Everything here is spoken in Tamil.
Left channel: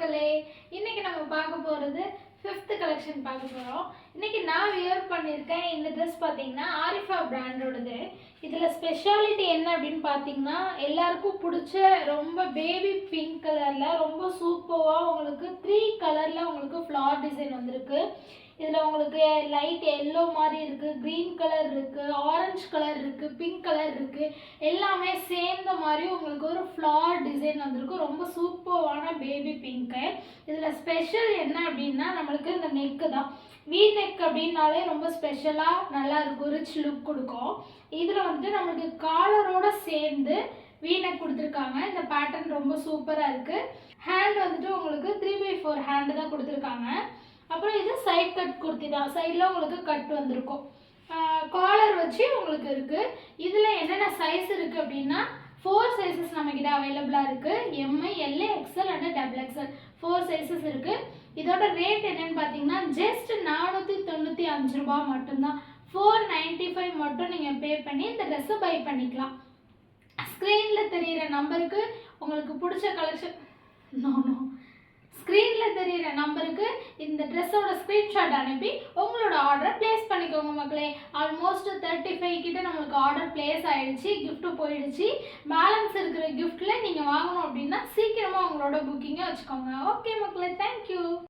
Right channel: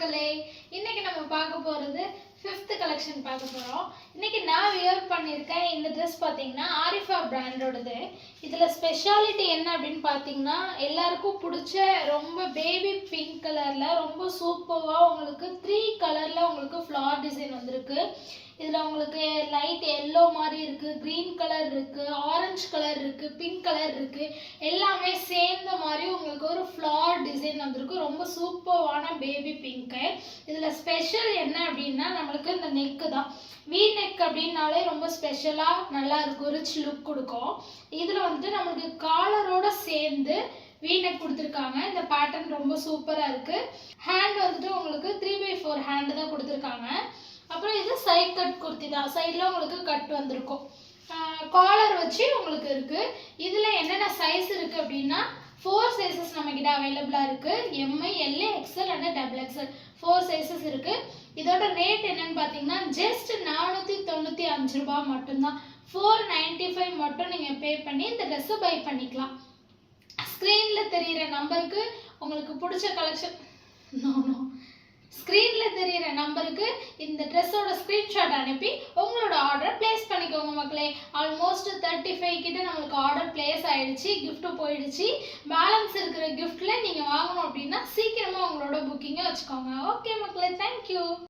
மக்களே, இன்னைக்கு நம்ம பார்க்க போறது 5th கலெக்ஷன் பார்க்க போறோம். இன்னைக்கு நான் வியர் பண்ணியிருக்கேன். இந்த ட்ரெஸ் பார்த்தீங்கன்னா ஆரிஃபா பிராண்டோடது. இதுல ஸ்பெஷாலிட்டி என்ன அப்படின்னு பார்த்தீங்கன்னா, எல்லாருக்கும் பிடிச்ச ரொம்ப பேபி பிங்க் கலர்ல ரொம்ப சூப்பரா உங்களுக்கு 3 கலர்ல உங்களுக்கு ஃப்ளார் டிசைன் வந்திருக்கு. இதில் உங்களுக்கு லைட் எல்லோ மாதிரி இருக்குது, க்ரீன் கலர் இருக்குது, ஆரஞ்சு கலர் இருக்குது, பிங்க் கலர் இருக்குது, எல்லாமே சேர்ந்த மாதிரி உங்களுக்கு ஒரு ஃப்ளார் டிசைன் வந்திருக்கு. ரொம்ப சூப்பரான பேபி பிங்க்கு. இதில் ஸ்பெஷல் என்ன அப்படின்னா, நம்மளுக்கு இந்த நெக்கு தான். வி நெக் அப்படின்னாலே ரொம்ப ஸ்பெஷலாக நல்லா இருக்கும், ரிச் லுக் கொடுக்கும். இதில் வந்துட்டு நம்மளுக்கு காலரோட சேர்ந்து வீநெக் கொடுத்துருக்காங்க. இந்த பேட்டர்ன் ரொம்ப சூப்பராக இருக்குது. ஹேண்ட் வந்துட்டு உங்களுக்கு 3/4 ஹேண்டு தான் கொடுத்துருக்காங்க. அப்புறம் இது சைட் கட் குர்த்தி தான். சைடில் உங்களுக்கு கட் வந்திருக்கும். காலர் வச்சு உங்களுக்கு இருக்குது. இதில் என்னென்ன சைஸ் இருக்குது அப்படின்னா 4 சைஸஸ் நம்மக்கிட்ட அவைலபிளாக இருக்குது. M, L, XL and XXL 4 sizes இருக்குது. இதோட ரேட் என்னன்னு பார்த்தீங்கன்னா ஜஸ்ட் 495 ரூபாய் மட்டும்தான். 495 மட்டும் நீங்கள் பே பண்ணி இந்த ட்ரெஸ்ஸை பை பண்ணிக்கலாம். ஸ்க்ரீனில் தெரிகிற நம்பருக்கு உங்களுக்கு பிடிச்ச கலெக்ஷன் ஸ்க்ரீனில் தெரிகிற நம்பருக்கு இந்த ட்ரெஸ்ஸோட ஸ்க்ரீன்ஷாட் அனுப்பி உங்களோட ஆர்டரை ப்ளேஸ் பண்ணிக்கோங்க மக்களே. ஆல்மோஸ்ட் 35 கிட்ட நம்மளுக்கு ஆர்டர் ப்ளேஸ் ஆகிடுச்சு, கிஃப்ட்டு போயிடுச்சு. பேலன்ஸ் இருக்கிற கிஃப்ட்டில் நீங்கள் வாங்கணும் அப்படின்னா சீக்கிரமாக உங்களோட புக்கிங்கை வச்சுக்கோங்க. ஓகே மக்களே, தேங்க்யூ.